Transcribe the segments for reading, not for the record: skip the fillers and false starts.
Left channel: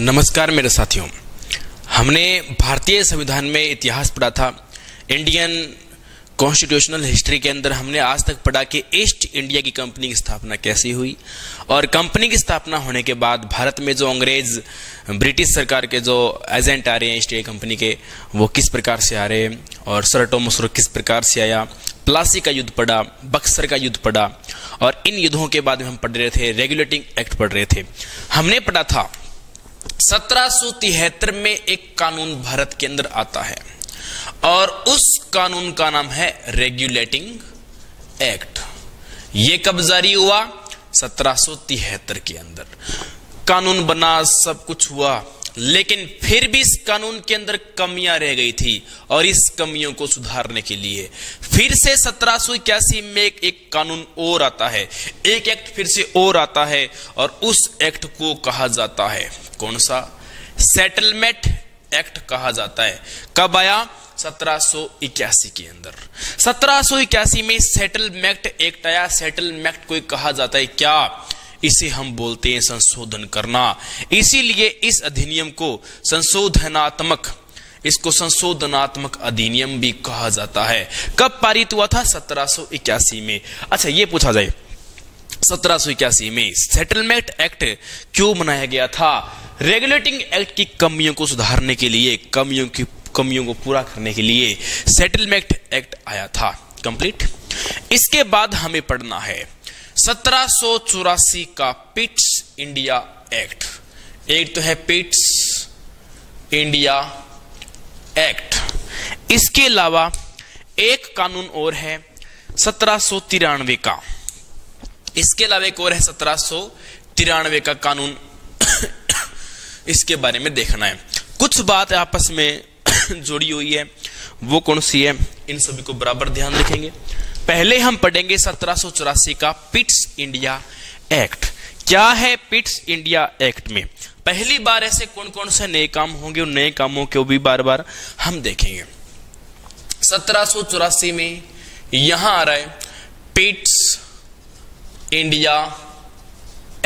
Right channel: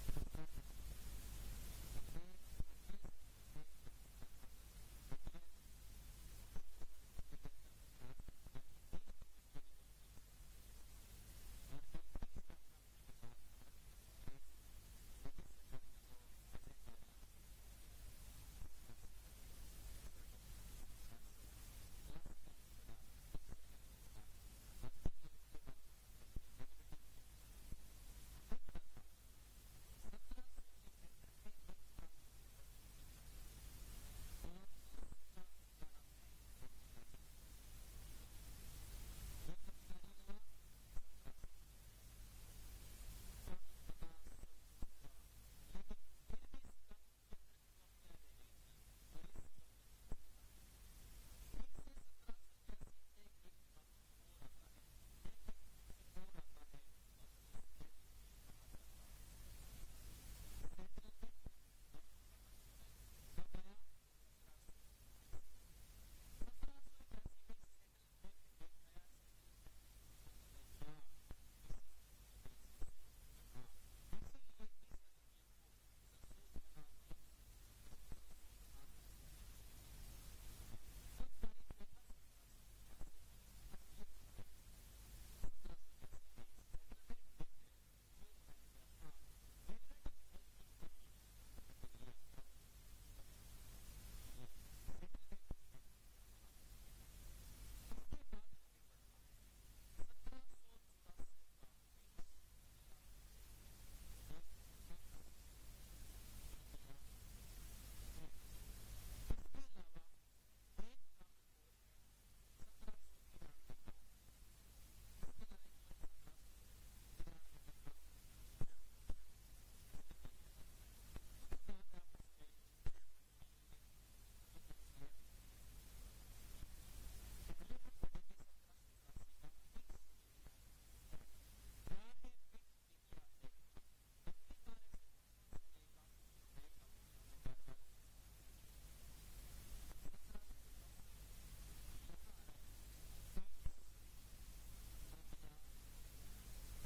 नमस्कार मेरे साथियों। हमने भारतीय संविधान में इतिहास पढ़ा था। इंडियन कॉन्स्टिट्यूशनल हिस्ट्री के अंदर हमने आज तक पढ़ा कि ईस्ट इंडिया की कंपनी की स्थापना कैसी हुई और कंपनी की स्थापना होने के बाद भारत में जो अंग्रेज ब्रिटिश सरकार के जो एजेंट आ रहे हैं ईस्ट इंडिया कंपनी के, वो किस प्रकार से आ रहे हैं और सर टॉमस रुक किस प्रकार से आया। प्लासी का युद्ध पढ़ा, बक्सर का युद्ध पढ़ा और इन युद्धों के बाद में हम पढ़ रहे थे रेगुलेटिंग एक्ट पढ़ रहे थे। हमने पढ़ा था 1773 में एक कानून भारत के अंदर आता है और उस कानून का नाम है रेगुलेटिंग एक्ट। ये कब जारी हुआ? 1773 के अंदर कानून बना, सब कुछ हुआ, लेकिन फिर भी इस कानून के अंदर कमियां रह गई थी और इस कमियों को सुधारने के लिए फिर से 1781 में एक कानून और आता है, एक एक्ट फिर से और आता है और उस एक्ट को कहा जाता है कौन सा? सेटलमेंट एक्ट कहा जाता है। कब आया? 1781 के अंदर। 1781 में सेटलमेंट एक्ट आया। सेटलमेंट को कहा जाता है क्या? इसे हम बोलते हैं संशोधन करना। इसीलिए इस अधिनियम को संशोधनात्मक अधिनियम भी कहा जाता है। कब पारित हुआ था? 1781 में। अच्छा, ये पूछा जाए 1781 में सेटलमेंट एक्ट क्यों बनाया गया था? रेगुलेटिंग एक्ट की कमियों को सुधारने के लिए, कमियों को पूरा करने के लिए सेटलमेंट एक्ट आया था। कंप्लीट। इसके बाद हमें पढ़ना है 1784 का पिट्स इंडिया एक्ट। एक तो है पिट्स इंडिया एक्ट। इसके अलावा एक कानून और है 1793 का। इसके अलावा एक और है 1793 का कानून। इसके बारे में देखना है। कुछ बात आपस में जोड़ी हुई है, वो कौन सी है, इन सभी को बराबर ध्यान रखेंगे। पहले हम पढ़ेंगे 1784 का पिट्स इंडिया एक्ट। क्या है पिट्स इंडिया एक्ट में? पहली बार ऐसे कौन कौन से नए काम होंगे, उन नए कामों को भी बार बार हम देखेंगे। 1784 में यहां आ रहा है Pitt's India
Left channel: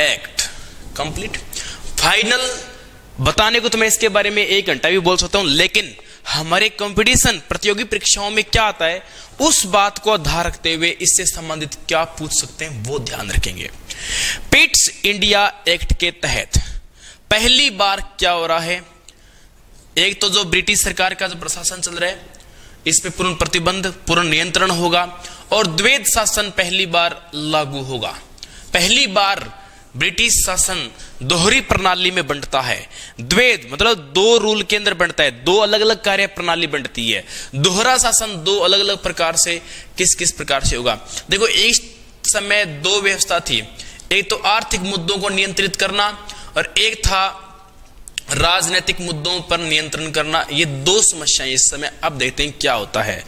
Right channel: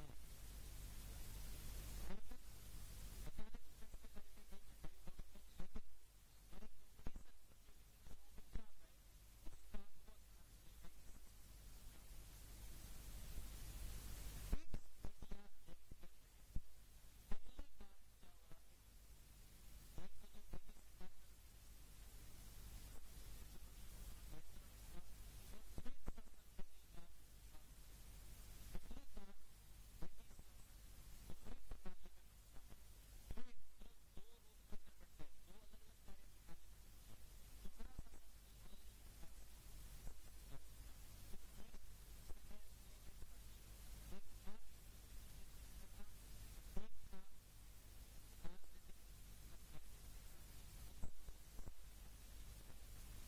act. Complete. Final बताने को तो मैं इसके बारे में 1 घंटा भी बोल सकता हूं, लेकिन हमारे कंपटीशन प्रतियोगी परीक्षाओं में क्या आता है उस बात को आधार रखते हुए इससे संबंधित क्या पूछ सकते हैं वो ध्यान रखेंगे। पिट्स इंडिया एक्ट के तहत पहली बार क्या हो रहा है? एक तो जो ब्रिटिश सरकार का जो प्रशासन चल रहा है इस पे पूर्ण प्रतिबंध, पूर्ण नियंत्रण होगा और द्वैध शासन पहली बार लागू होगा। पहली बार ब्रिटिश शासन दोहरी प्रणाली में बंटता है। द्वैध मतलब 2 रूल के अंदर बंटता है, 2 अलग अलग कार्य प्रणाली बंटती है। दोहरा शासन 2 अलग अलग प्रकार से किस प्रकार से होगा? देखो, एक समय 2 व्यवस्था थी। एक तो आर्थिक मुद्दों को नियंत्रित करना और एक था राजनीतिक मुद्दों पर नियंत्रण करना। ये 2 समस्याएं इस समय। अब देखते हैं क्या होता है।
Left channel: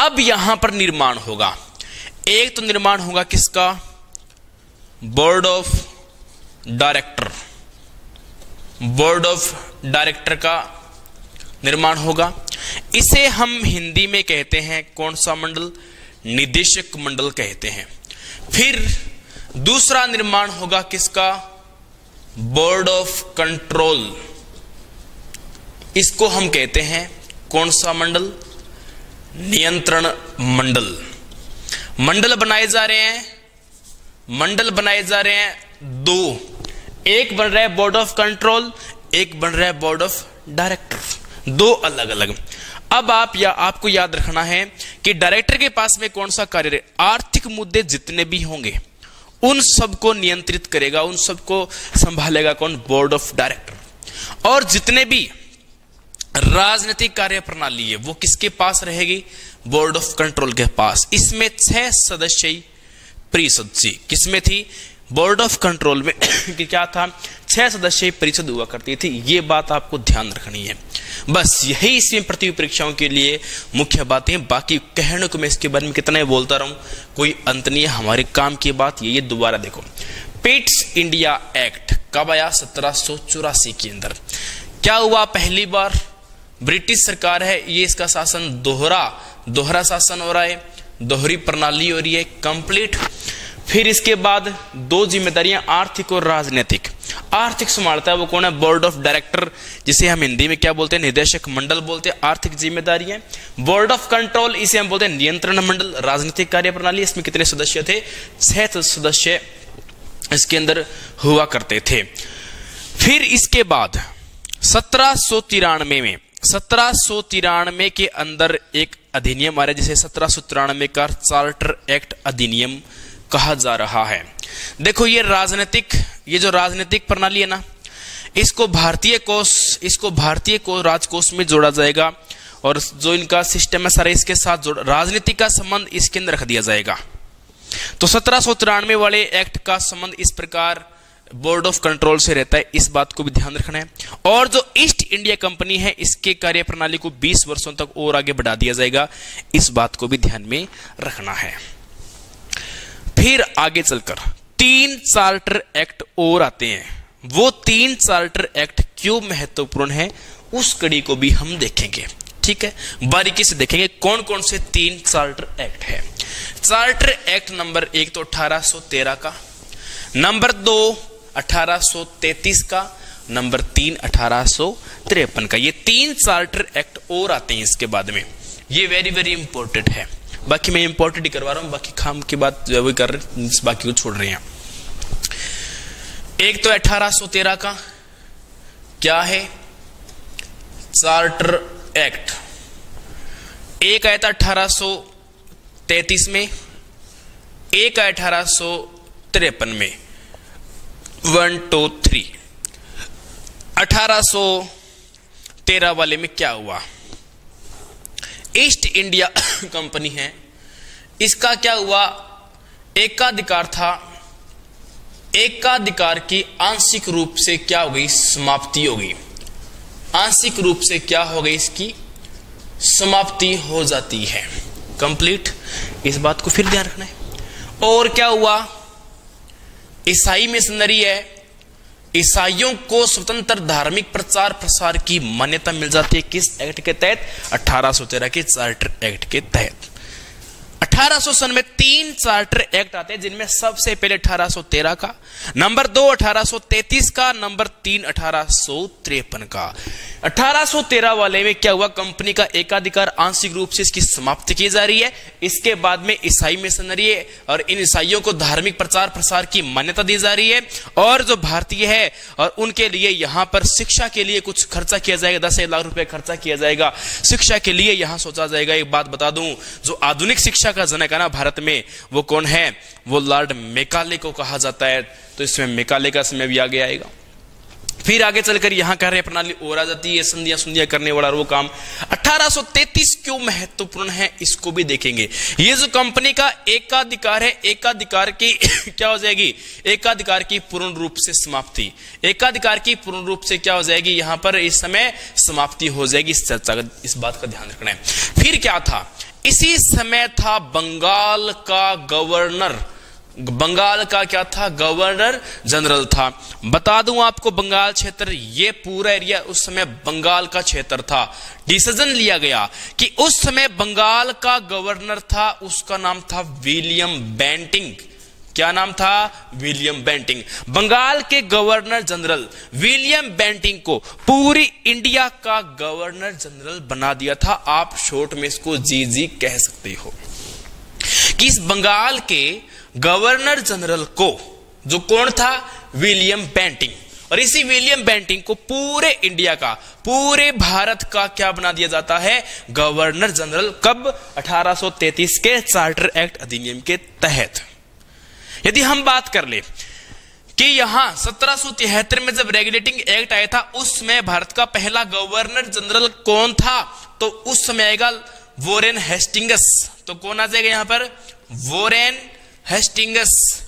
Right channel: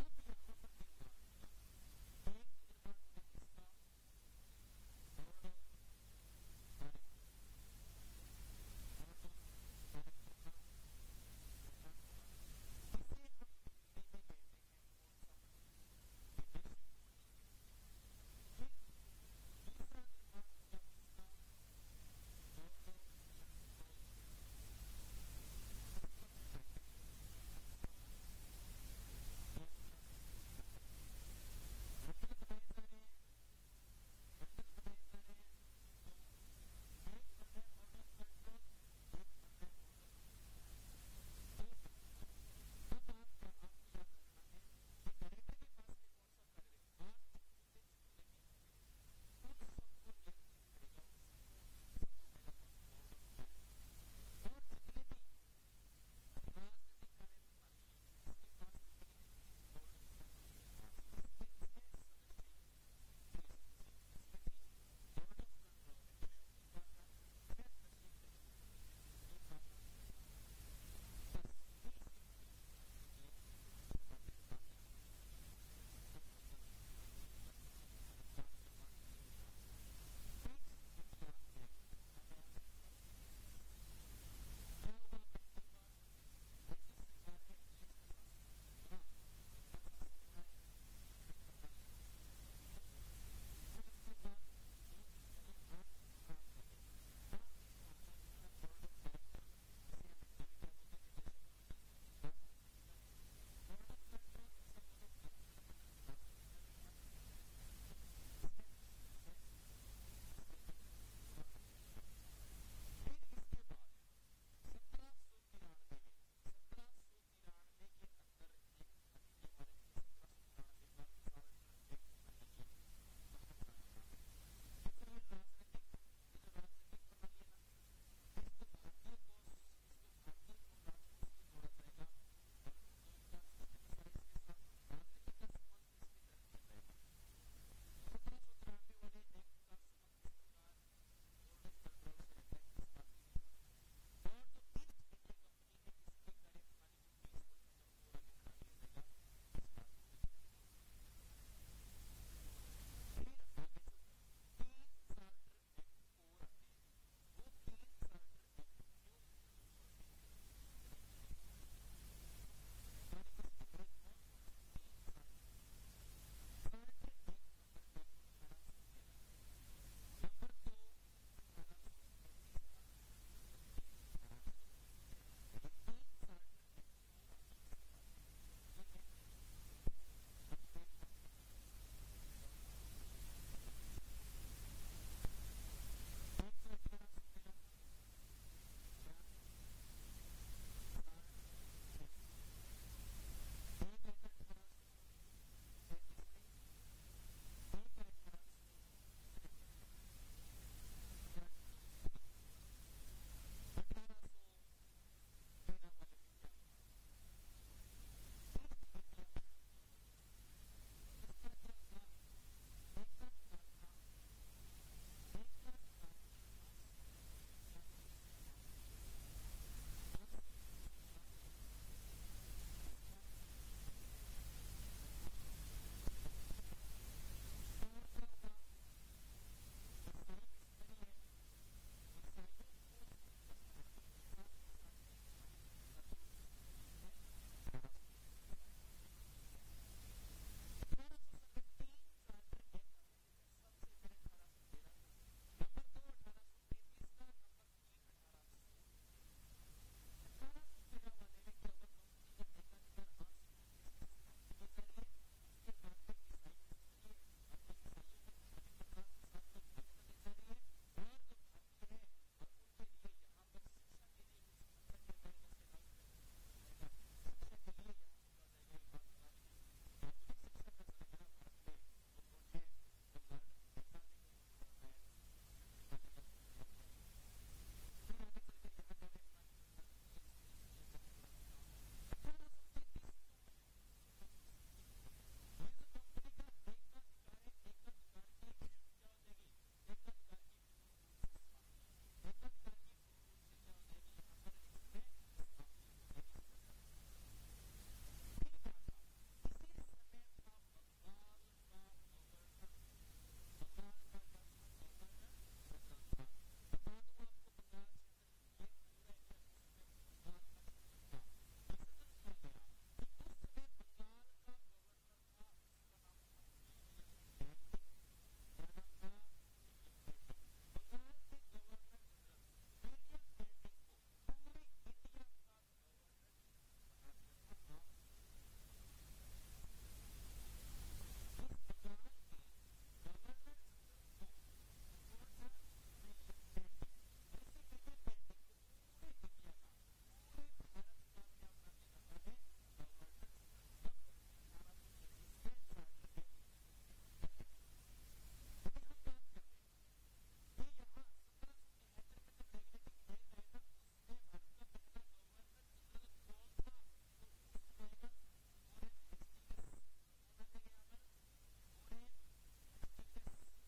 अब यहां पर निर्माण होगा। एक तो निर्माण होगा किसका? Board of director. Board of director का निर्माण होगा। इसे हम हिंदी में कहते हैं कौन सा मंडल? निदेशक मंडल कहते हैं। फिर दूसरा निर्माण होगा किसका? Board of control. इसको हम कहते हैं कौन सा मंडल? नियंत्रण मंडल। मंडल बनाए जा रहे हैं, मंडल बनाए जा रहे हैं 2। एक बन रहा है बोर्ड ऑफ कंट्रोल, एक बन रहा है बोर्ड ऑफ डायरेक्टर। 2 अलग अलग। अब आपको याद रखना है कि डायरेक्टर के पास में कौन सा कार्य? आर्थिक मुद्दे जितने भी होंगे उन सबको नियंत्रित करेगा, उन सबको संभालेगा कौन? Board of director. और जितने भी राजनीतिक कार्य प्रणाली है वो किसके पास रहेगी? बोर्ड ऑफ कंट्रोल के पास। इसमें 6 सदस्यीय परिषद थी। किसमें थी? बोर्ड ऑफ कंट्रोल में क्या था? 6 सदस्यीय परिषद हुआ करती थी। ये बात आपको ध्यान रखनी है। बस यही इसमें प्रतियोगी परीक्षाओं के लिए मुख्य बातें। बाकी कहने को मैं इसके बारे में कितना ही बोलता रहूं, कोई अंत नहीं है। हमारे काम की बात ये दोबारा देखो। पिट्स इंडिया एक्ट कब आया? 1784 के अंदर। क्या हुआ? पहली बार ब्रिटिश सरकार है, ये इसका शासन दोहरा शासन हो रहा है, दोहरी प्रणाली हो रही है। कंप्लीट। फिर इसके बाद दो जिम्मेदारियां आर्थिक और राजनीतिक। आर्थिक संभालता है वो कौन है? बोर्ड ऑफ डायरेक्टर, जिसे हम हिंदी में क्या बोलते हैं? निदेशक मंडल बोलते हैं। आर्थिक जिम्मेदारियां। बोर्ड ऑफ कंट्रोल, इसे हम बोलते हैं नियंत्रण मंडल। राजनीतिक कार्यप्रणाली, इसमें कितने सदस्य थे? 6 सदस्य इसके अंदर हुआ करते थे। फिर इसके बाद 1793 के अंदर एक अधिनियम आ रहा है जिसे 1793 का चार्टर एक्ट अधिनियम कहा जा रहा है। देखो ये जो राजनीतिक प्रणाली है ना, इसको भारतीय राजकोष में जोड़ा जाएगा और जो इनका सिस्टम है सारा इसके साथ राजनीति का संबंध इसके अंदर रख दिया जाएगा। तो 1793 वाले एक्ट का संबंध इस प्रकार बोर्ड ऑफ कंट्रोल से रहता है, इस बात को भी ध्यान रखना है। और जो ईस्ट इंडिया कंपनी है इसके कार्यप्रणाली को 20 वर्षों तक और आगे बढ़ा दिया जाएगा, इस बात को भी ध्यान में रखना है। फिर आगे चलकर 3 चार्टर एक्ट और आते हैं। वो 3 चार्टर एक्ट क्यों महत्वपूर्ण है उस कड़ी को भी हम देखेंगे। ठीक है, बारीकी से देखेंगे कौन कौन से 3 चार्टर एक्ट है। चार्टर एक्ट नंबर 1 तो 1813 का, नंबर 2 1833 का, नंबर 3 1853 का। ये 3 चार्टर एक्ट और आते हैं इसके बाद में। ये वेरी वेरी इंपॉर्टेंट है। बाकी मैं इंपॉर्टेंट ही करवा रहा हूं, बाकी खाम की बात जो कर रहे हैं बाकी को छोड़ रहे हैं। एक तो 1813 का क्या है? Charter act. एक आया था 1833 में, एक आया 1853 में। 1 2 3। 1813 वाले में क्या हुआ? ईस्ट इंडिया कंपनी है, इसका क्या हुआ? एकाधिकार था। एकाधिकार की आंशिक रूप से क्या हो गई? समाप्ति हो गई। आंशिक रूप से क्या हो गई? इसकी समाप्ति हो जाती है, कंप्लीट। इस बात को फिर ध्यान रखना है। और क्या हुआ? ईसाई मिशनरी है, ईसाइयों को स्वतंत्र धार्मिक प्रचार प्रसार की मान्यता मिल जाती है। किस एक्ट के तहत? 1813 के चार्टर एक्ट के तहत। 1800 सन में 3 चार्टर एक्ट आते हैं, जिनमें सबसे पहले 1813 का, नंबर 2 1833 का, नंबर 3 1853 का। 1813 वाले में क्या हुआ? कंपनी का एकाधिकार आंशिक रूप से इसकी समाप्ति की जा रही है। इसके बाद में ईसाई मिशनरी है और इन ईसाइयों को धार्मिक प्रचार प्रसार की मान्यता दी जा रही है। और जो भारतीय है और उनके लिए यहां पर शिक्षा के लिए कुछ खर्चा किया जाएगा, 10 लाख रुपए खर्चा किया जाएगा शिक्षा के लिए। यहां सोचा जाएगा, एक बात बता दूं, जो आधुनिक शिक्षा का जनक है ना भारत में, वो कौन है? वो लॉर्ड मैकाले को कहा जाता है। तो इसमें मैकाले का समय भी आगे आएगा। फिर आगे चलकर यहां कार्य प्रणाली और आ जाती है, संधियां करने वाला वो काम। 1833 क्यों महत्वपूर्ण है इसको भी देखेंगे। ये जो कंपनी का एकाधिकार है, एकाधिकार की क्या हो जाएगी? एकाधिकार की पूर्ण रूप से समाप्ति। एकाधिकार की पूर्ण रूप से क्या हो जाएगी? यहां पर इस समय समाप्ति हो जाएगी। इस चर्चा का, इस बात का ध्यान रखना है। फिर क्या था? इसी समय था बंगाल का गवर्नर। बंगाल का क्या था? गवर्नर जनरल था। बता दूं आपको, बंगाल क्षेत्र, ये पूरा एरिया उस समय बंगाल का क्षेत्र था। डिसीजन लिया गया कि उस समय बंगाल का गवर्नर था, उसका नाम था विलियम बेंटिंग। क्या नाम था? William Bentinck. बंगाल के गवर्नर जनरल विलियम बेंटिंग को पूरी इंडिया का गवर्नर जनरल बना दिया था। आप शॉर्ट में इसको जीजी कह सकते हो। कि इस बंगाल के गवर्नर जनरल को, जो कौन था? William Bentinck. और इसी विलियम बेंटिंग को पूरे इंडिया का, पूरे भारत का क्या बना दिया जाता है? Governor general. कब? 1833 के चार्टर एक्ट अधिनियम के तहत। यदि हम बात कर ले कि यहां 1773 में जब रेगुलेटिंग एक्ट आया था, उसमें भारत का पहला गवर्नर जनरल कौन था? तो उस समय आएगा वॉरेन हेस्टिंग्स। तो कौन आ जाएगा यहां पर? Warren Hastings.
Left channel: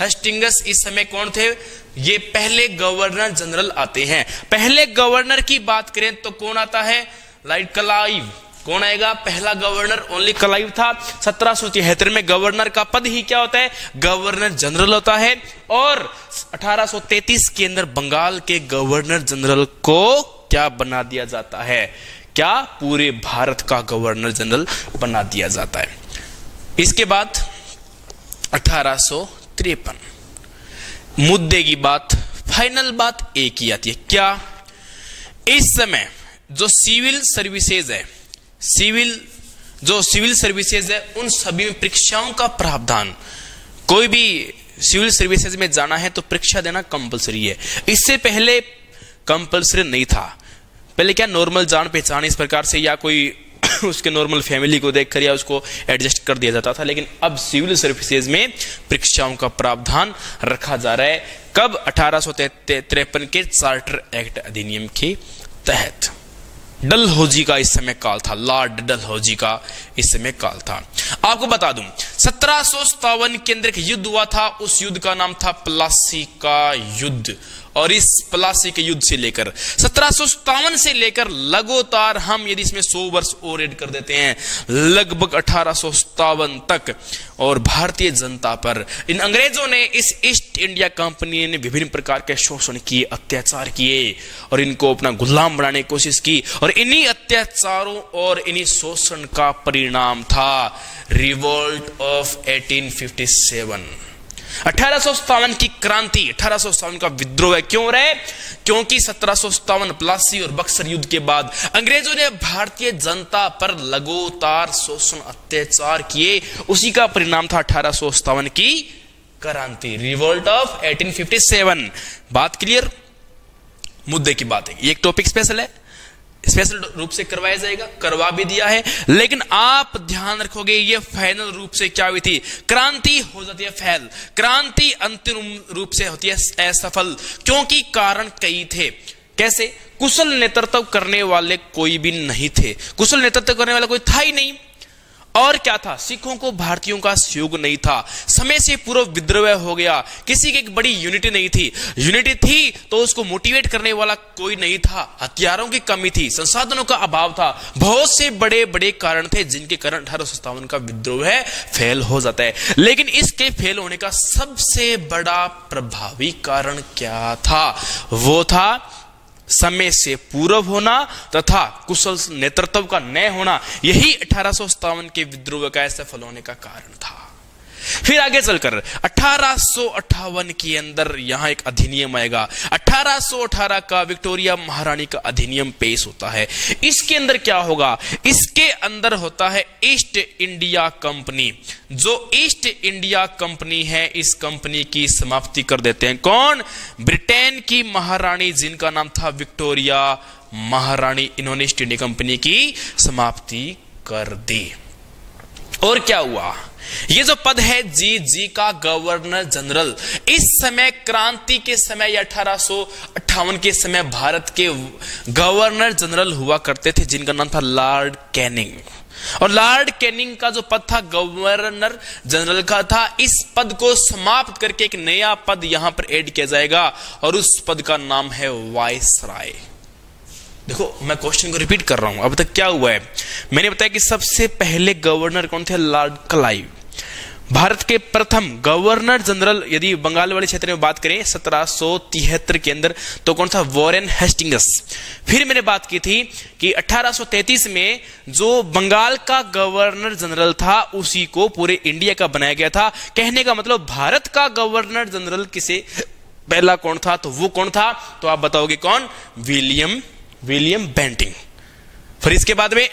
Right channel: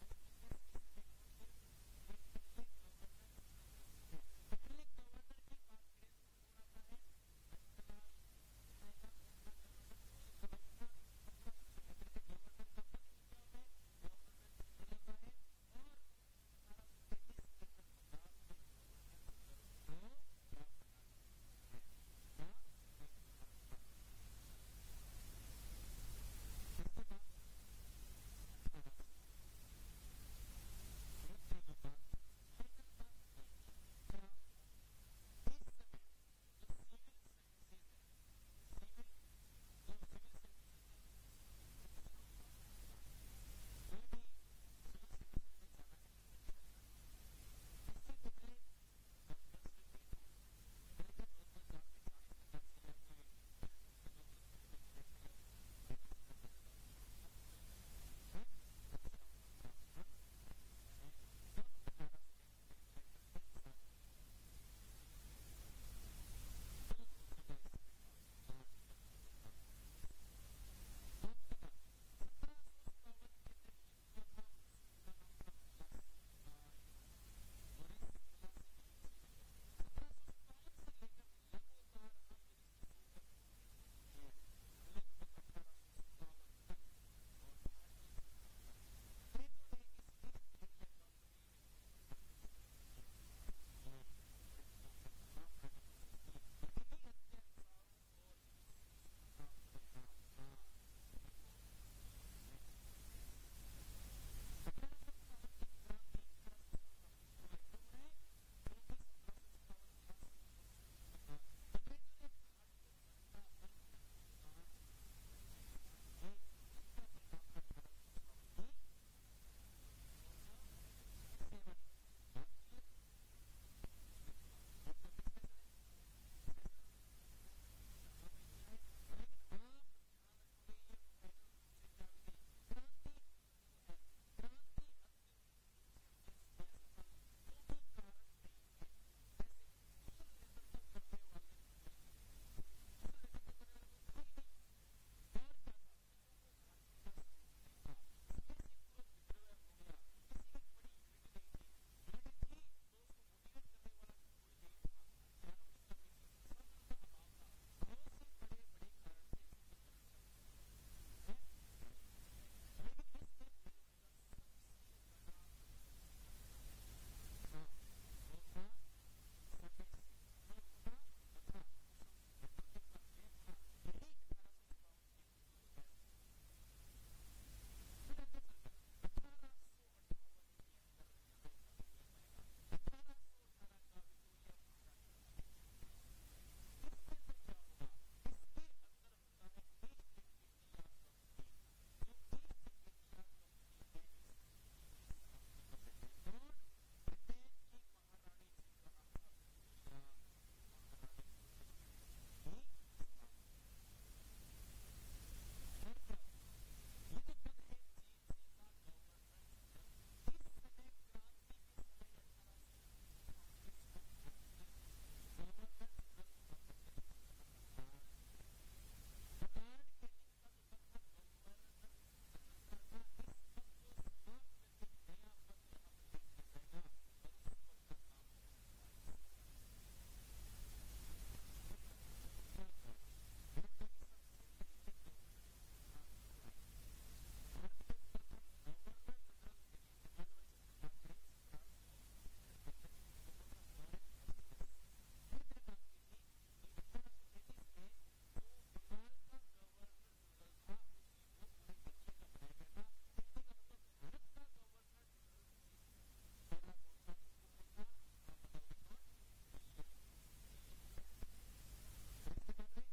हेस्टिंग्स इस समय कौन थे? ये पहले गवर्नर जनरल आते हैं। पहले गवर्नर की बात करें तो कौन आता है? Lord Clive. कौन आएगा? पहला गवर्नर ओनली क्लाइव था। 1773 में गवर्नर का पद ही क्या होता है? गवर्नर जनरल होता है। और 1833 के अंदर बंगाल के गवर्नर जनरल को क्या बना दिया जाता है? क्या? पूरे भारत का गवर्नर जनरल बना दिया जाता है। इसके बाद 1853। मुद्दे की बात, फाइनल बात एक ही आती है, क्या? इस समय जो सिविल सर्विसेज है, सिविल सर्विसेज है, उन सभी में परीक्षाओं का प्रावधान, कोई भी सिविल सर्विसेज में जाना है तो परीक्षा देना कंपलसरी है। इससे पहले कंपलसरी नहीं था। पहले क्या नॉर्मल जान पहचान इस प्रकार से या कोई उसके नॉर्मल फैमिली को देखकर या उसको एडजस्ट कर दिया जाता था, लेकिन अब सिविल सर्विसेज में परीक्षाओं का प्रावधान रखा जा रहा है। कब? 1853 के चार्टर एक्ट अधिनियम के तहत। डलहौजी का इस समय काल था, लॉर्ड डलहौजी का इस समय काल था। आपको बता दूं 1757 के अंदर एक युद्ध हुआ था, उस युद्ध का नाम था प्लासी का युद्ध। और इस प्लासी के युद्ध से लेकर 1757 से लेकर लगातार हम यदि इसमें 100 वर्ष और ऐड कर देते हैं, लगभग 1857 तक, और भारतीय जनता पर इन अंग्रेजों ने, इस ईस्ट इंडिया कंपनी ने विभिन्न प्रकार के शोषण किए, अत्याचार किए और इनको अपना गुलाम बनाने की कोशिश की। और इन्हीं अत्याचारों और इन्हीं शोषण का परिणाम था रिवोल्ट ऑफ 1857। 1857 की क्रांति, 1857 का विद्रोह क्यों रहे? क्योंकि 1757 प्लासी और बक्सर युद्ध के बाद अंग्रेजों ने भारतीय जनता पर लगातार शोषण अत्याचार किए, उसी का परिणाम था 1857 की क्रांति, रिवोल्ट ऑफ 1857। बात क्लियर? मुद्दे की बात है, ये एक टॉपिक स्पेशल है, स्पेशल रूप से करवाया जाएगा, करवा भी दिया है, लेकिन आप ध्यान रखोगे ये फाइनल रूप से क्या हुई थी? क्रांति हो जाती है फेल, क्रांति अंतिम रूप से होती है असफल, क्योंकि कारण कई थे। कैसे? कुशल नेतृत्व करने वाले कोई भी नहीं थे, कुशल नेतृत्व करने वाला कोई था ही नहीं। और क्या था? सिखों को भारतीयों का सहयोग नहीं था, समय से पूर्व विद्रोह हो गया, किसी की एक बड़ी यूनिटी नहीं थी, यूनिटी थी तो उसको मोटिवेट करने वाला कोई नहीं था, हथियारों की कमी थी, संसाधनों का अभाव था, बहुत से बड़े बड़े कारण थे जिनके कारण 1857 का विद्रोह फेल हो जाता है। लेकिन इसके फेल होने का सबसे बड़ा प्रभावी कारण क्या था? वो था समय से पूर्व होना तथा कुशल नेतृत्व का न होना। यही 1857 के विद्रोह का असफल होने का कारण था। फिर आगे चलकर 1858 के अंदर यहां एक अधिनियम आएगा, 1818 का विक्टोरिया महारानी का अधिनियम पेश होता है। इसके अंदर क्या होगा? इसके अंदर होता है ईस्ट इंडिया कंपनी। जो ईस्ट इंडिया कंपनी है, इस कंपनी की समाप्ति कर देते हैं। कौन? ब्रिटेन की महारानी जिनका नाम था विक्टोरिया महारानी, इन्होंने ईस्ट इंडिया कंपनी की समाप्ति कर दी। और क्या हुआ? ये जो पद है जी का गवर्नर जनरल, इस समय क्रांति के समय या 1858 के समय भारत के गवर्नर जनरल हुआ करते थे जिनका नाम था लॉर्ड कैनिंग। और लॉर्ड कैनिंग का जो पद था गवर्नर जनरल का था, इस पद को समाप्त करके एक नया पद यहां पर ऐड किया जाएगा और उस पद का नाम है वायसराय। देखो मैं क्वेश्चन को रिपीट कर रहा हूं, अब तक क्या हुआ है? मैंने बताया कि सबसे पहले गवर्नर कौन थे? Lord Clive. भारत के प्रथम गवर्नर जनरल यदि बंगाल वाले क्षेत्र में बात करें 1773 के अंदर तो कौन था? Warren Hastings. फिर मैंने बात की थी कि 1833 में जो बंगाल का गवर्नर जनरल था उसी को पूरे इंडिया का बनाया गया था। कहने का मतलब भारत का गवर्नर जनरल किसे पहला कौन था? तो वो कौन था? तो आप बताओगे कौन? William Bentinck. फिर इसके बाद में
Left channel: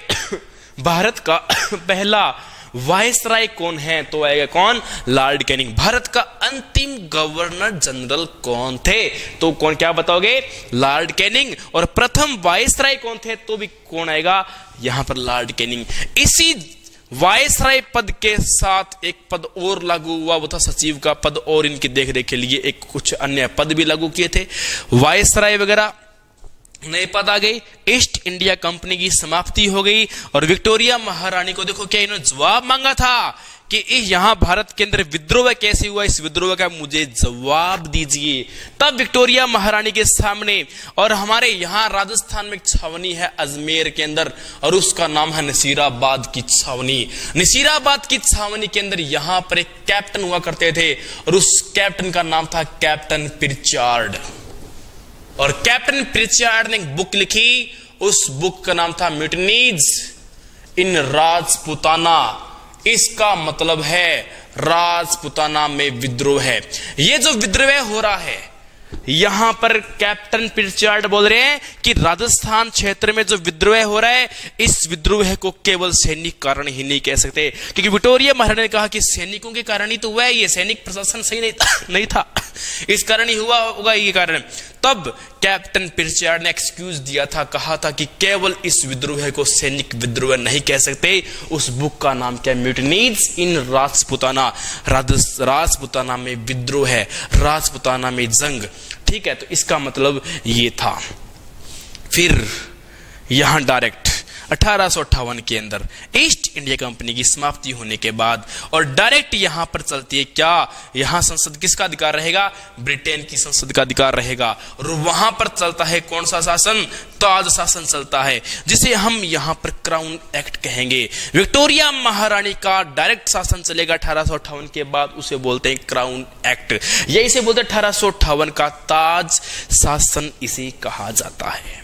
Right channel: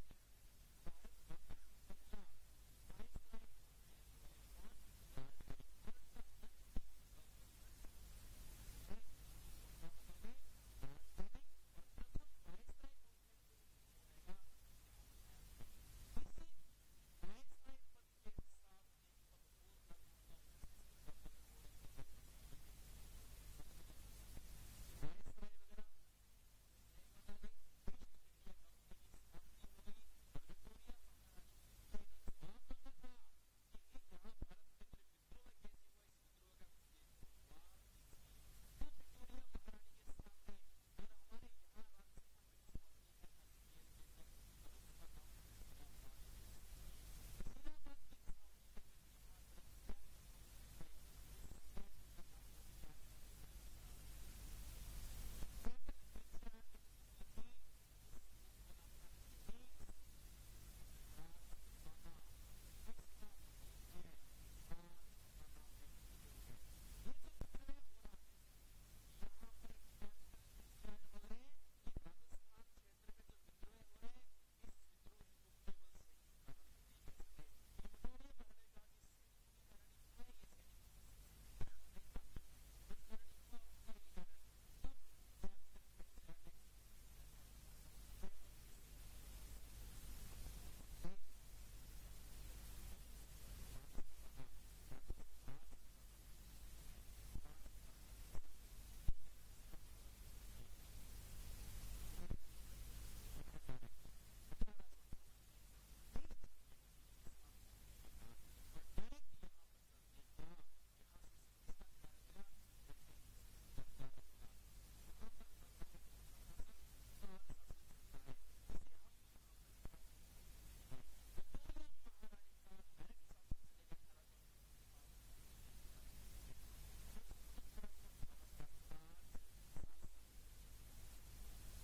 भारत का पहला वायसराय कौन है? तो आएगा कौन? Lord Canning. भारत का अंतिम गवर्नर जनरल कौन थे? तो कौन? क्या बताओगे? Lord Canning. और प्रथम वायसराय कौन थे? तो भी कौन आएगा? यहां पर लॉर्ड कैनिंग। इसी वायसराय पद के साथ एक पद और लागू हुआ, वो था सचिव का पद, और इनकी देखरेख के लिए एक कुछ अन्य पद भी लागू किए थे। वायसराय वगैरह नए पद आ गए, ईस्ट इंडिया कंपनी की समाप्ति हो गई। और विक्टोरिया महारानी को देखो क्या इन्होंने जवाब मांगा था कि यहां भारत के अंदर विद्रोह कैसे हुआ, इस विद्रोह का मुझे जवाब दीजिए। तब विक्टोरिया महारानी के सामने, और हमारे यहां राजस्थान में एक छावनी है अजमेर के अंदर, और उसका नाम है नसीराबाद की छावनी। नसीराबाद की छावनी के अंदर यहां पर एक कैप्टन हुआ करते थे और उस कैप्टन का नाम था कैप्टन प्रिचार्ड। और कैप्टन प्रिचार्ड ने एक बुक लिखी, उस बुक का नाम था म्यूटिनीज इन राजपुताना। इसका मतलब है राजपुताना में विद्रोह है। ये जो विद्रोह हो रहा है, यहां पर कैप्टन प्रिचर्ड बोल रहे हैं कि राजस्थान क्षेत्र में जो विद्रोह हो रहा है, इस विद्रोह को केवल सैनिक कारण ही नहीं कह सकते, क्योंकि विक्टोरिया महारानी ने कहा कि सैनिकों के कारण ही तो हुआ है, ये सैनिक प्रशासन सही नहीं था, इस कारण ही हुआ होगा ये कारण। तब कैप्टन प्रिचर्ड ने एक्सक्यूज दिया था, कहा था कि केवल इस विद्रोह को सैनिक विद्रोह नहीं कह सकते। उस बुक का नाम क्या? म्यूटिनीज इन राजपुताना, राजपुताना में विद्रोह है, राजपुताना में जंग। ठीक है, तो इसका मतलब ये था। फिर यहां डायरेक्ट 1858 के अंदर ईस्ट इंडिया कंपनी की समाप्ति होने के बाद और डायरेक्ट यहां पर चलती है क्या? यहां संसद किसका अधिकार रहेगा? ब्रिटेन की संसद का अधिकार रहेगा। और वहां पर चलता है कौन सा शासन? ताज शासन चलता है, जिसे हम यहां पर क्राउन एक्ट कहेंगे। विक्टोरिया महारानी का डायरेक्ट शासन चलेगा 1858 के बाद, उसे बोलते हैं क्राउन एक्ट। ये इसे बोलते हैं 1858 का ताज शासन इसे कहा जाता है।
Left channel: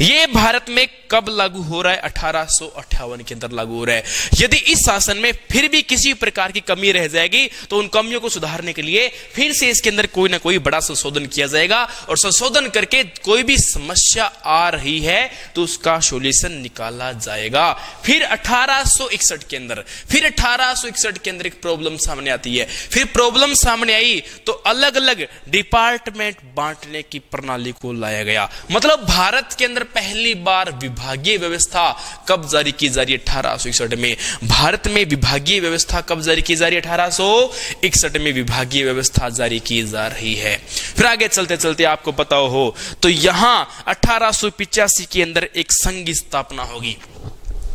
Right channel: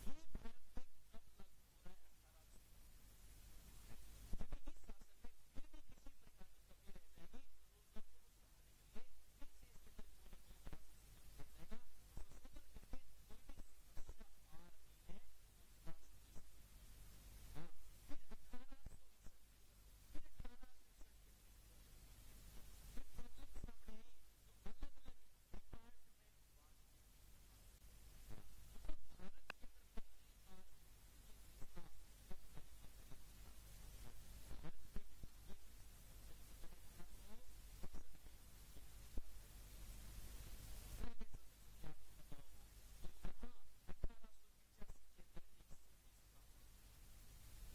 ये भारत में कब लागू हो रहा है? 1858 के अंदर लागू हो रहा है। यदि इस शासन में फिर भी किसी प्रकार की कमी रह जाएगी तो उन कमियों को सुधारने के लिए फिर से इसके अंदर कोई ना कोई बड़ा संशोधन किया जाएगा, और संशोधन करके कोई भी समस्या आ रही है तो उसका सॉल्यूशन निकाला जाएगा। फिर 1861 के अंदर एक प्रॉब्लम सामने आती है। फिर प्रॉब्लम सामने आई तो अलग अलग डिपार्टमेंट बांटने की प्रणाली को लाया गया। मतलब भारत के अंदर पहली बार विभागीय व्यवस्था कब जारी की जा रही है? 1861 में। भारत में विभागीय व्यवस्था कब जारी की जा रही है? 1861 में विभागीय व्यवस्था जारी की जा रही है। फिर आगे चलते चलते आपको पता हो तो यहां 1885 के अंदर एक संघ की स्थापना होगी।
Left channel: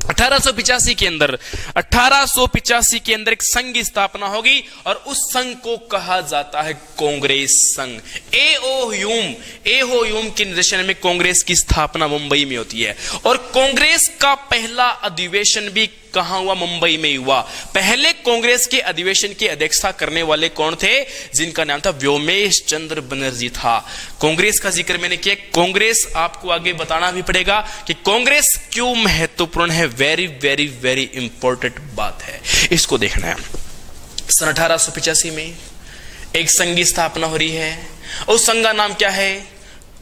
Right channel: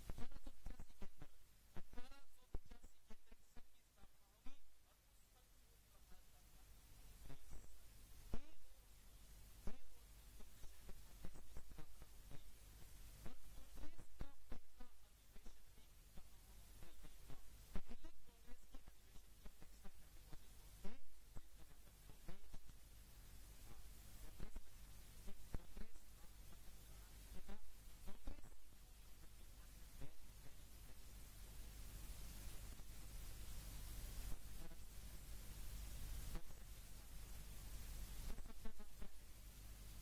1885 के अंदर एक संघ की स्थापना होगी और उस संघ को कहा जाता है कांग्रेस संघ। एओ ह्यूम के निर्देशन में कांग्रेस की स्थापना मुंबई में होती है, और कांग्रेस का पहला अधिवेशन भी कहां हुआ? मुंबई में हुआ। पहले कांग्रेस के अधिवेशन की अध्यक्षता करने वाले कौन थे? जिनका नाम था व्योमेश चंद्र बनर्जी था। कांग्रेस का जिक्र मैंने किया। कांग्रेस आपको आगे बताना भी पड़ेगा कि कांग्रेस क्यों महत्वपूर्ण है। वेरी वेरी वेरी इंपॉर्टेंट बात है, इसको देखना है। सन 1885 में एक संघ की स्थापना हो रही है, उस संघ का नाम क्या है?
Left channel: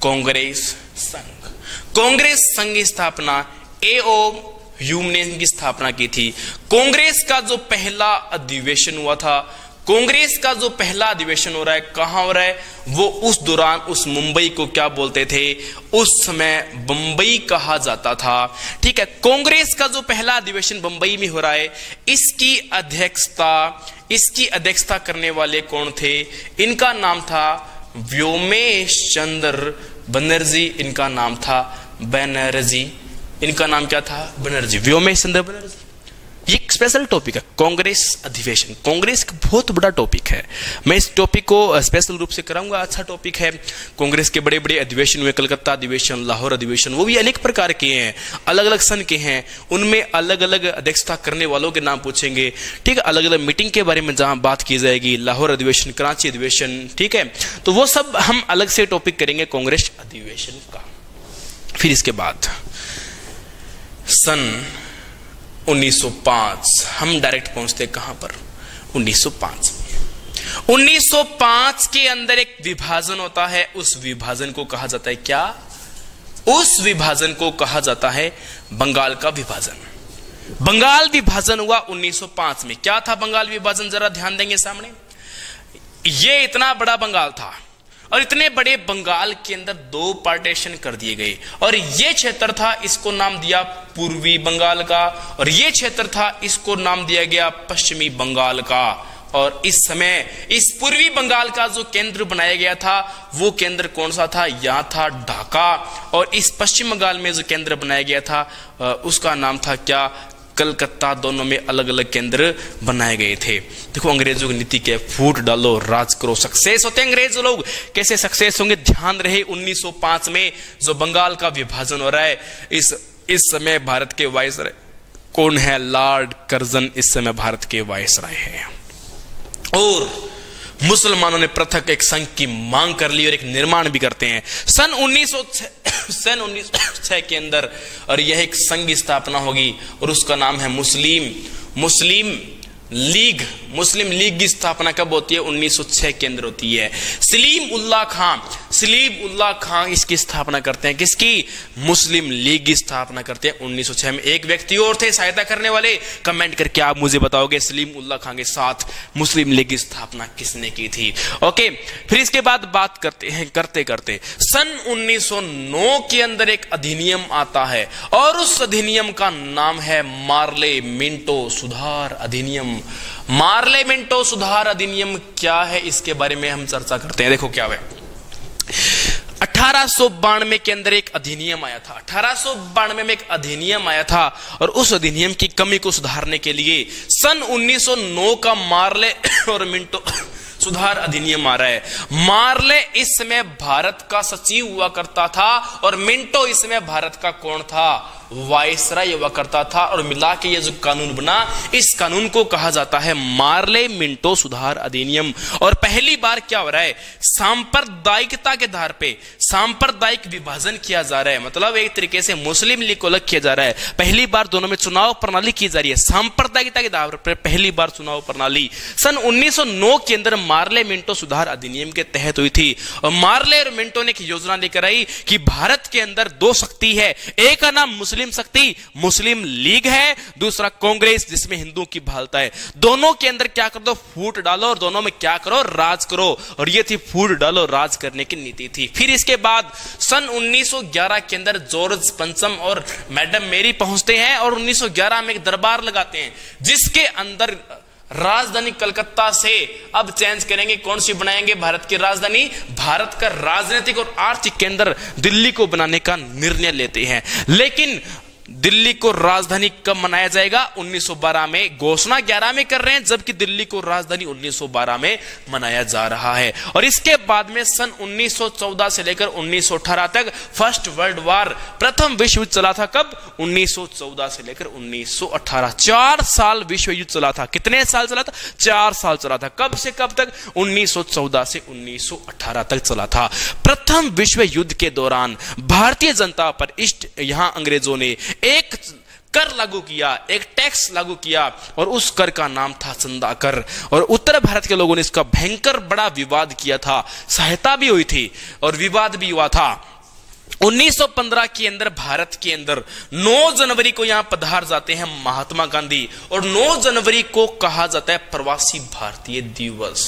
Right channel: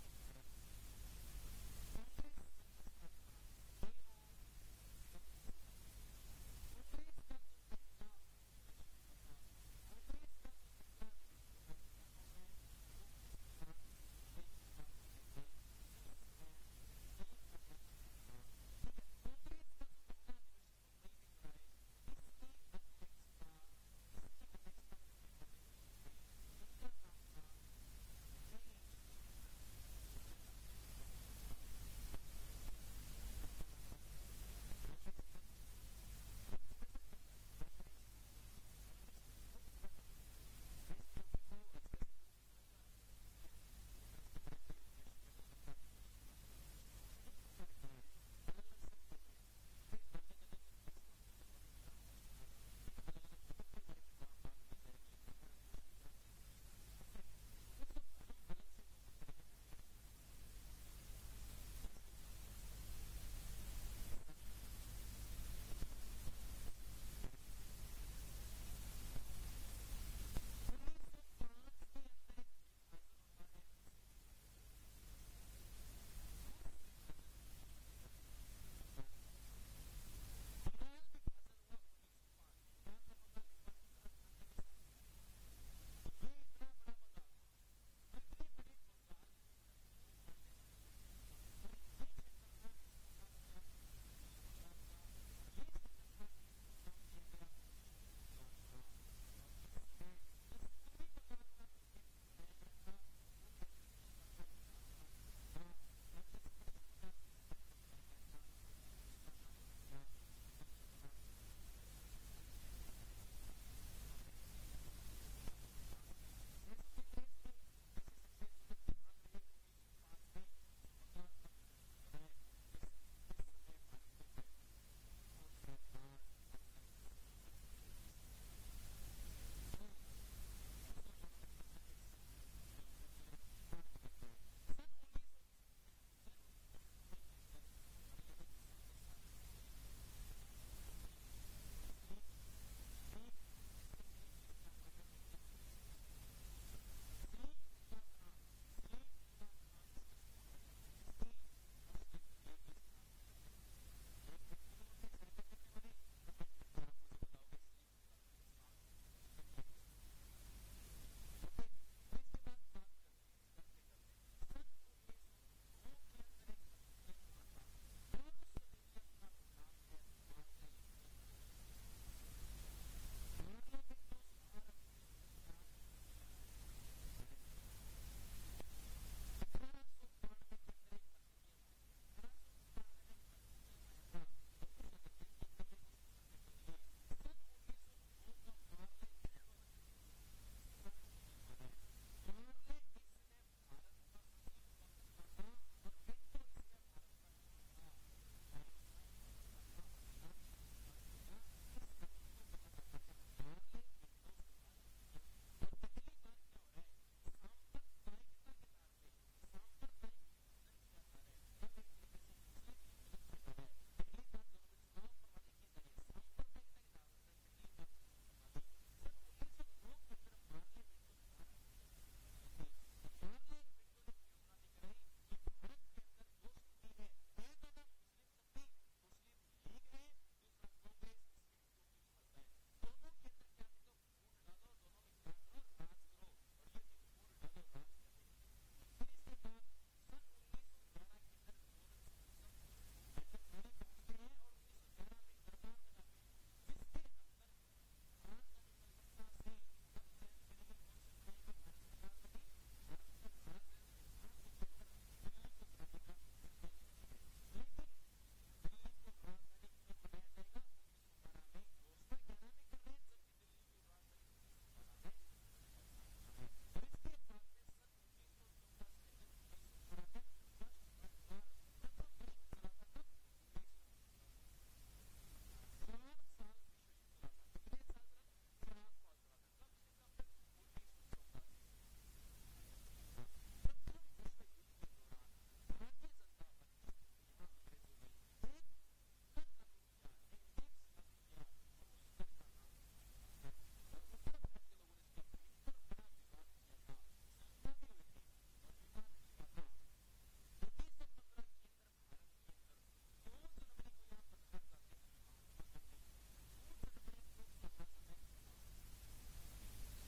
कांग्रेस संघ। कांग्रेस संघ की स्थापना एओ ह्यूम ने इनकी स्थापना की थी। कांग्रेस का जो पहला अधिवेशन हुआ था, कांग्रेस का जो पहला अधिवेशन हो रहा है, कहां हो रहा है? वो उस दौरान उस मुंबई को क्या बोलते थे? उस समय बंबई कहा जाता था। ठीक है, कांग्रेस का जो पहला अधिवेशन बंबई में हो रहा है, इसकी अध्यक्षता करने वाले कौन थे? इनका नाम था व्योमेश चंद्र बनर्जी। इनका नाम था बनर्जी। इनका नाम क्या था? बनर्जी, व्योमेश चंद्र बनर्जी। ये एक स्पेशल टॉपिक है, कांग्रेस अधिवेशन। कांग्रेस का बहुत बड़ा टॉपिक है, मैं इस टॉपिक को स्पेशल रूप से कराऊंगा। अच्छा टॉपिक है। कांग्रेस के बड़े बड़े अधिवेशन हुए, कलकत्ता अधिवेशन, लाहौर अधिवेशन, वो भी अनेक प्रकार के हैं, अलग अलग सन के हैं। उनमें अलग अलग अध्यक्षता करने वालों के नाम पूछेंगे। ठीक है, अलग अलग मीटिंग के बारे में जहां बात की जाएगी, लाहौर अधिवेशन, कराची अधिवेशन। ठीक है, तो वो सब हम अलग से टॉपिक करेंगे कांग्रेस अधिवेशन का। फिर इसके बाद सन 1905 हम डायरेक्ट पहुंचते कहां पर? 1905 में। 1905 के अंदर एक विभाजन होता है। उस विभाजन को कहा जाता है क्या? उस विभाजन को कहा जाता है बंगाल का विभाजन। बंगाल विभाजन हुआ 1905 में। क्या था बंगाल विभाजन? जरा ध्यान देंगे सामने। ये इतना बड़ा बंगाल था और इतने बड़े बंगाल के अंदर दो पार्टीशन कर दिए गए, और ये क्षेत्र था, इसको नाम दिया पूर्वी बंगाल का, और ये क्षेत्र था, इसको नाम दिया गया पश्चिमी बंगाल का। और इस समय इस पूर्वी बंगाल का जो केंद्र बनाया गया था, वो केंद्र कौन सा था? यहाँ था ढाका। और इस पश्चिम बंगाल में जो केंद्र बनाया गया था उसका नाम था क्या? कलकत्ता। दोनों में अलग अलग केंद्र बनाए गए थे। देखो अंग्रेजों की नीति के फूट डालो, राज करो, सक्सेस होते हैं अंग्रेज लोग। कैसे सक्सेस होंगे? ध्यान रहे 1905 में जो बंगाल का विभाजन हो रहा है, इस समय भारत के वायसराय कौन है? लॉर्ड कर्जन इस समय भारत के वायसराय हैं। और मुसलमानों ने पृथक एक संघ की मांग कर ली और एक निर्माण भी करते हैं सन 1906 के अंदर, और यह एक संघ की स्थापना होगी और उसका नाम है मुस्लिम लीग, मुस्लिम लीग की स्थापना कब होती है? 1906 के अंदर होती है। सलीम उल्लाह खां इसकी स्थापना करते हैं। किसकी? मुस्लिम लीग की स्थापना करते हैं 1906 में। एक व्यक्ति और थे सहायता करने वाले, कमेंट करके आप मुझे बताओगे सलीम उल्लाह खां के साथ मुस्लिम लीग की स्थापना किसने की थी। ओके, फिर इसके बाद बात करते हैं करते करते सन 1909 के अंदर एक अधिनियम आता है और उस अधिनियम का नाम है मार्ले मिंटो सुधार अधिनियम। मार्ले मिंटो सुधार अधिनियम क्या है, इसके बारे में हम चर्चा करते हैं। देखो क्या है, 1892 के अंदर एक अधिनियम आया था। 1892 में एक अधिनियम आया था और उस अधिनियम की कमी को सुधारने के लिए सन 1909 का मार्ले और मिंटो सुधार अधिनियम आ रहा है। मार्ले इस समय भारत का सचिव हुआ करता था और मिंटो इसमें भारत का कौन था? वायसराय हुआ करता था। और मिला के ये जो कानून बना, इस कानून को कहा जाता है मार्ले मिंटो सुधार अधिनियम। और पहली बार क्या हो रहा है? सांप्रदायिकता के आधार पे सांप्रदायिक विभाजन किया जा रहा है। मतलब एक तरीके से मुस्लिम लीग को अलग किया जा रहा है। पहली बार दोनों में चुनाव प्रणाली की जा रही है। सांप्रदायिकता के आधार पर पहली बार चुनाव प्रणाली सन 1909 के अंदर मार्ले मिंटो सुधार अधिनियम के तहत हुई थी। और मार्ले और मिंटो ने एक योजना लेकर आई कि भारत के अंदर दो शक्ति है, एक का नाम मुस्लिम शक्ति मुस्लिम लीग है, दूसरा कांग्रेस जिसमें हिंदुओं की भालता है। दोनों के अंदर क्या कर दो? फूट डालो और दोनों में क्या करो? राज करो। और ये थी फूट डालो राज करने की नीति थी। फिर इसके बाद सन 1911 के अंदर जॉर्ज पंचम और मैडम मेरी पहुंचते हैं और 1911 में एक दरबार लगाते हैं जिसके अंदर राजधानी कलकत्ता से अब चेंज करेंगे। कौन सी बनाएंगे भारत की राजधानी? भारत का राजनीतिक और आर्थिक केंद्र दिल्ली को बनाने का निर्णय लेते हैं। लेकिन दिल्ली को राजधानी कब मनाया जाएगा? 1912 में। घोषणा 11 में कर रहे हैं जबकि दिल्ली को राजधानी 1912 में मनाया जा रहा है। और इसके बाद में सन 1914 से लेकर 1918 तक फर्स्ट वर्ल्ड वार, प्रथम विश्व युद्ध चला था। कब? 1914 से लेकर 1918, 4 साल विश्व युद्ध चला था। कितने साल चला था? 4 साल चला था। कब से कब तक? 1914 से 1918 तक चला था। प्रथम विश्व युद्ध के दौरान भारतीय जनता पर यहां अंग्रेजों ने एक कर लागू किया, एक टैक्स लागू किया और उस कर का नाम था चंदा कर। और उत्तर भारत के लोगों ने इसका भयंकर बड़ा विवाद किया था। सहायता भी हुई थी और विवाद भी हुआ था। 1915 के अंदर भारत के अंदर 9 जनवरी को यहां पधार जाते हैं महात्मा गांधी और 9 जनवरी को कहा जाता है प्रवासी भारतीय दिवस।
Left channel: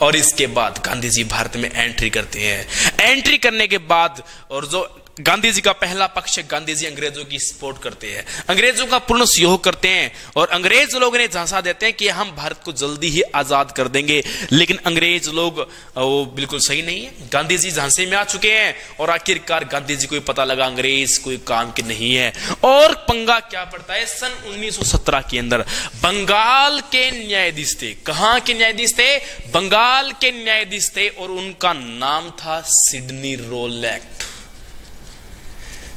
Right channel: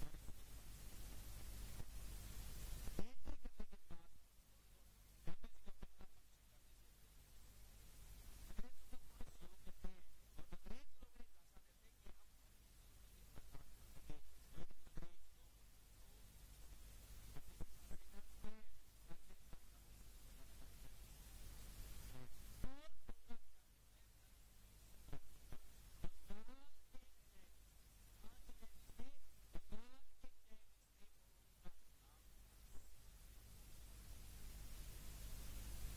और इसके बाद गांधी जी भारत में एंट्री करते हैं। एंट्री करने के बाद और जो गांधी जी का पहला पक्ष, गांधी जी अंग्रेजों की सपोर्ट करते हैं, अंग्रेजों का पूर्ण सहयोग करते हैं और अंग्रेज लोग ने झांसा देते हैं कि हम भारत को जल्दी ही आजाद कर देंगे। लेकिन अंग्रेज लोग वो बिल्कुल सही नहीं है। गांधी जी झांसे में आ चुके हैं और आखिरकार गांधी जी को पता लगा अंग्रेज कोई काम के नहीं है। और पंगा क्या पड़ता है? सन 1917 के अंदर बंगाल के न्यायाधीश थे। कहां के न्यायाधीश थे? बंगाल के न्यायाधीश थे और उनका नाम था सिडनी रोलैक्ट।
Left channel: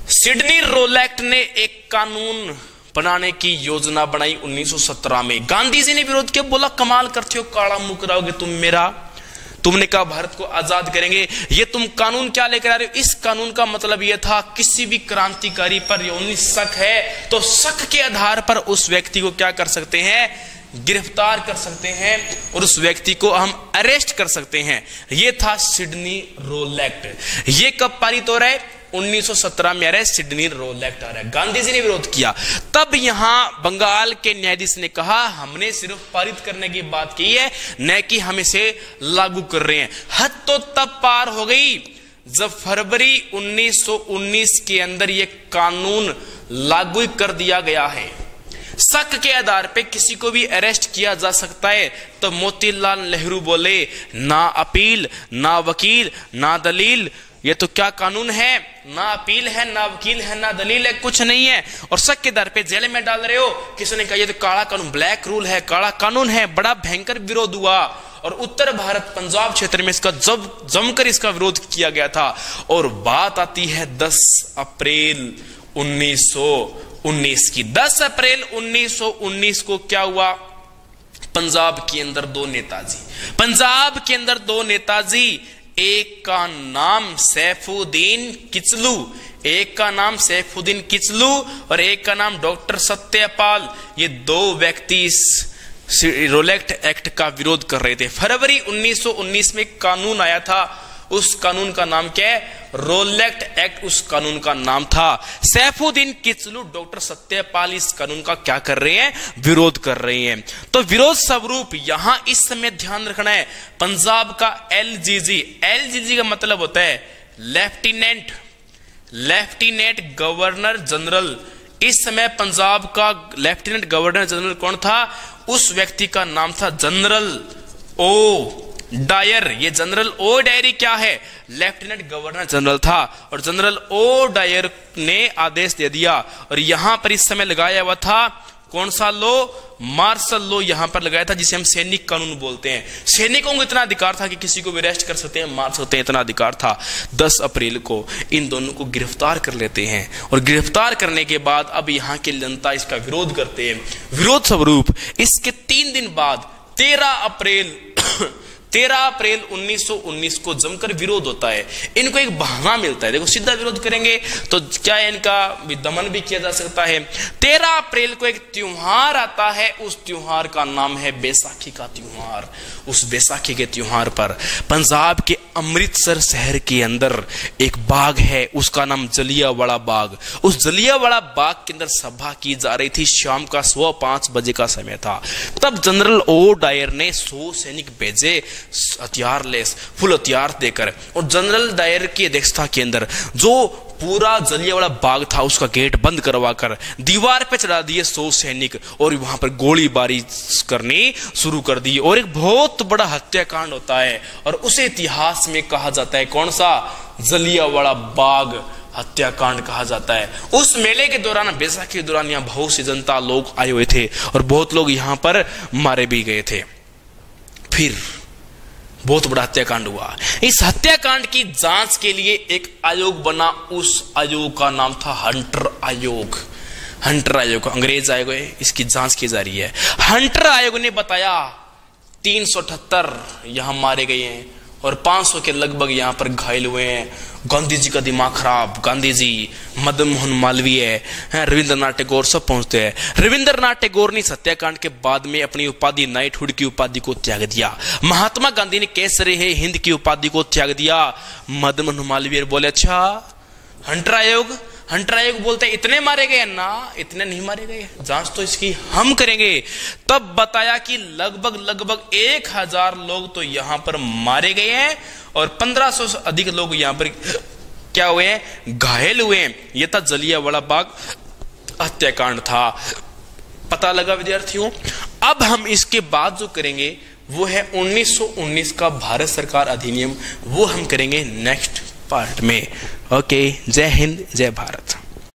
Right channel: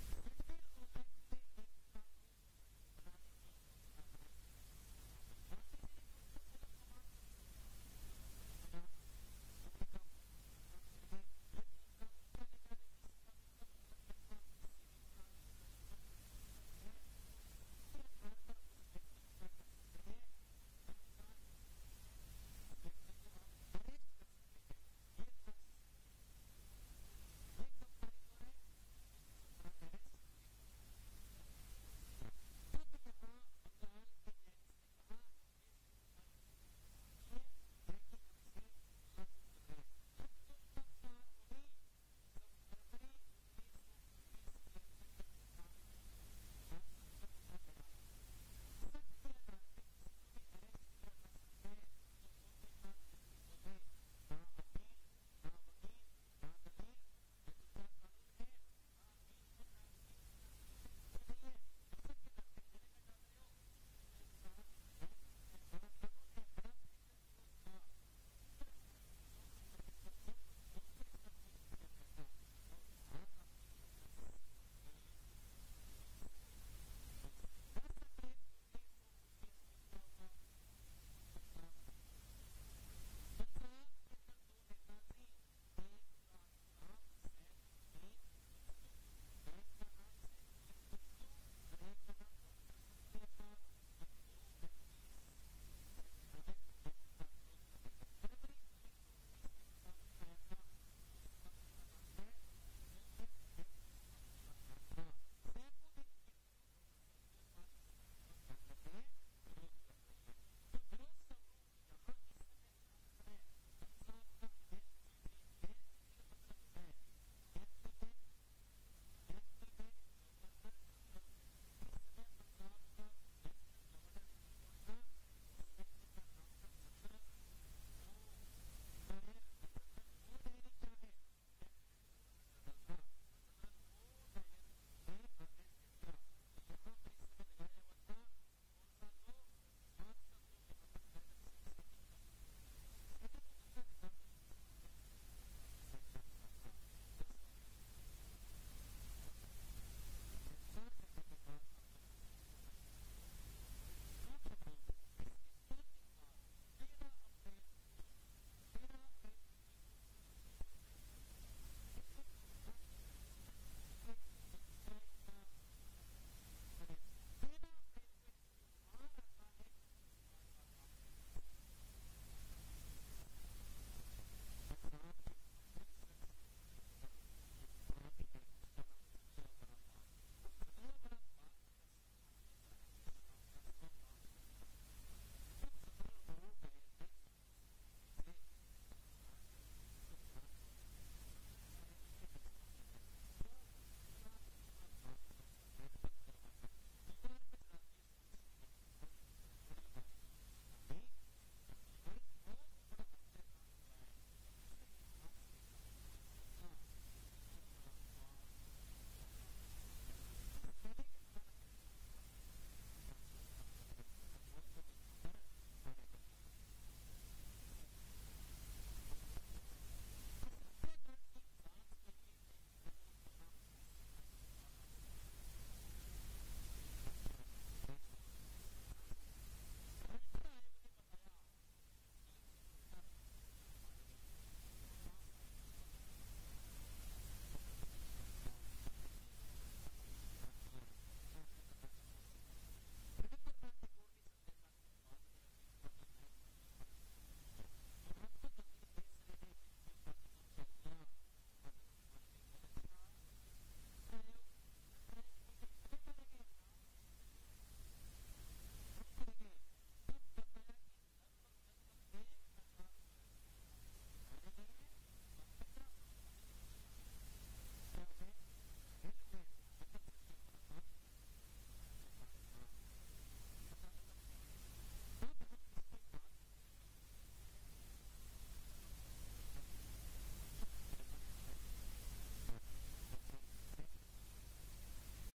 सिडनी रोलैक्ट ने एक कानून बनाने की योजना बनाई 1917 में। गांधी जी ने विरोध किया, बोला कमाल करते हो, काला मुंह कराओगे तुम मेरा। तुमने कहा भारत को आजाद करेंगे, ये तुम कानून क्या लेकर आ रहे हो? इस कानून का मतलब यह था किसी भी क्रांतिकारी पर यौन शक है तो शक के आधार पर उस व्यक्ति को क्या कर सकते हैं? गिरफ्तार कर सकते हैं और उस व्यक्ति को हम अरेस्ट कर सकते हैं। यह था सिडनी रोलैक्ट। ये कब पारित हो रहा है? 1917 में आ रहा है, सिडनी रोलैक्ट आ रहा है। गांधी जी ने विरोध किया। तब यहां बंगाल के न्यायाधीश ने कहा हमने सिर्फ पारित करने की बात की है, न कि हम इसे लागू कर रहे हैं। हद तो तब पार हो गई जब फरवरी 1919 के अंदर यह कानून लागू कर दिया गया है। शक के आधार पे किसी को भी अरेस्ट किया जा सकता है। तो मोतीलाल नेहरू बोले ना अपील, ना वकील, ना दलील। ये तो क्या कानून है? ना अपील है, ना वकील है, ना दलील है, कुछ नहीं है। और शक के आधार पे जेल में डाल रहे हो। किसी ने कहा ये तो काला कानून, ब्लैक रूल है, काला कानून है। बड़ा भयंकर विरोध हुआ और उत्तर भारत पंजाब क्षेत्र में इसका जमकर इसका विरोध किया गया था। और बात आती है 10 अप्रैल 1919 की। 10 अप्रैल 1919 को क्या हुआ? पंजाब के अंदर दो नेताजी, एक का नाम सैफुद्दीन किचलू और एक का नाम डॉक्टर सत्यपाल। ये दो व्यक्ति इस रोलेक्ट एक्ट का विरोध कर रहे थे। फरवरी 1919 में कानून आया था, उस कानून का नाम क्या है? रोलेक्ट एक्ट उस कानून का नाम था। सैफुद्दीन किचलू, डॉक्टर सत्यपाल इस कानून का क्या कर रहे हैं? विरोध कर रहे हैं। तो विरोध स्वरूप यहां इस समय ध्यान रखना है, पंजाब का एलजीजी, एलजीजी का मतलब होता है लेफ्टिनेंट गवर्नर जनरल। इस समय पंजाब का लेफ्टिनेंट गवर्नर जनरल कौन था? उस व्यक्ति का नाम था जनरल ओ डायर। ये जनरल ओ डायर क्या है? लेफ्टिनेंट गवर्नर जनरल था, और जनरल ओ डायर ने आदेश दे दिया। और यहां पर इस समय लगाया हुआ था कौन सा लो? मार्शल लो यहां पर लगाया था, जिसे हम सैनिक कानून बोलते हैं। सैनिकों को इतना अधिकार था कि किसी को भी अरेस्ट कर सकते हैं, मार सकते हैं, इतना अधिकार था। 10 अप्रैल को इन दोनों को गिरफ्तार कर लेते हैं, और गिरफ्तार करने के बाद अब यहां की जनता इसका विरोध करते हैं। विरोध स्वरूप इसके 3 दिन बाद 13 अप्रैल 1919 को जमकर विरोध होता है। इनको एक बहाना मिलता है, देखो सीधा विरोध करेंगे तो क्या इनका दमन भी किया जा सकता है। 13 अप्रैल को एक त्योहार आता है, उस त्योहार का नाम है बैसाखी का त्योहार। उस बैसाखी के त्योहार पर पंजाब के अमृतसर शहर के अंदर एक बाग है, उसका नाम जलियांवाला बाग। उस जलियांवाला बाग के अंदर सभा की जा रही थी, शाम का 5:15 बजे का समय था। तब जनरल ओ डायर ने 100 सैनिक भेजे, हथियार लेस फुल हथियार देकर, और जनरल डायर की अध्यक्षता के अंदर जो पूरा जलियांवाला बाग था उसका गेट बंद करवाकर दीवार पे चढ़ा दिए 100 सैनिक, और वहां पर गोलीबारी करनी शुरू कर दी। और एक बहुत बड़ा हत्याकांड होता है, और उसे इतिहास में कहा जाता है कौन सा? जलियांवाला बाग हत्याकांड कहा जाता है। उस मेले के दौरान, बैसाखी के दौरान, यहाँ बहुत सी जनता लोग आए हुए थे, और बहुत लोग यहां पर मारे भी गए थे। फिर बहुत बड़ा हत्याकांड हुआ। इस हत्याकांड की जांच के लिए एक आयोग बना, उस आयोग का नाम था हंटर आयोग। हंटर आयोग अंग्रेज आयोग है, इसकी जांच की जा रही है। हंटर आयोग ने बताया 378 यहां मारे गए हैं, और 500 के लगभग यहां पर घायल हुए हैं। गांधी जी का दिमाग खराब, गांधी जी, मदन मोहन मालवीय, रविंद्रनाथ टैगोर सब पहुंचते हैं। रविंद्रनाथ टैगोर ने हत्याकांड के बाद में अपनी उपाधि नाइटहुड की उपाधि को त्याग दिया। महात्मा गांधी ने केसरी है हिंद की उपाधि को त्याग दिया। मदन मोहन मालवीय बोले अच्छा हंटर आयोग बोलते हैं इतने मारे गए ना, इतने नहीं मारे गए, जांच तो इसकी हम करेंगे। तब बताया कि लगभग 1000 लोग तो यहां पर मारे गए हैं, और 1500 से अधिक लोग यहां पर क्या हुए हैं? घायल हुए हैं। यह था जलियांवाला बाग हत्याकांड था। पता लगा विद्यार्थियों? अब हम इसके बाद जो करेंगे वो है 1919 का भारत सरकार अधिनियम, वो हम करेंगे नेक्स्ट पार्ट में। ओके, जय हिंद, जय भारत।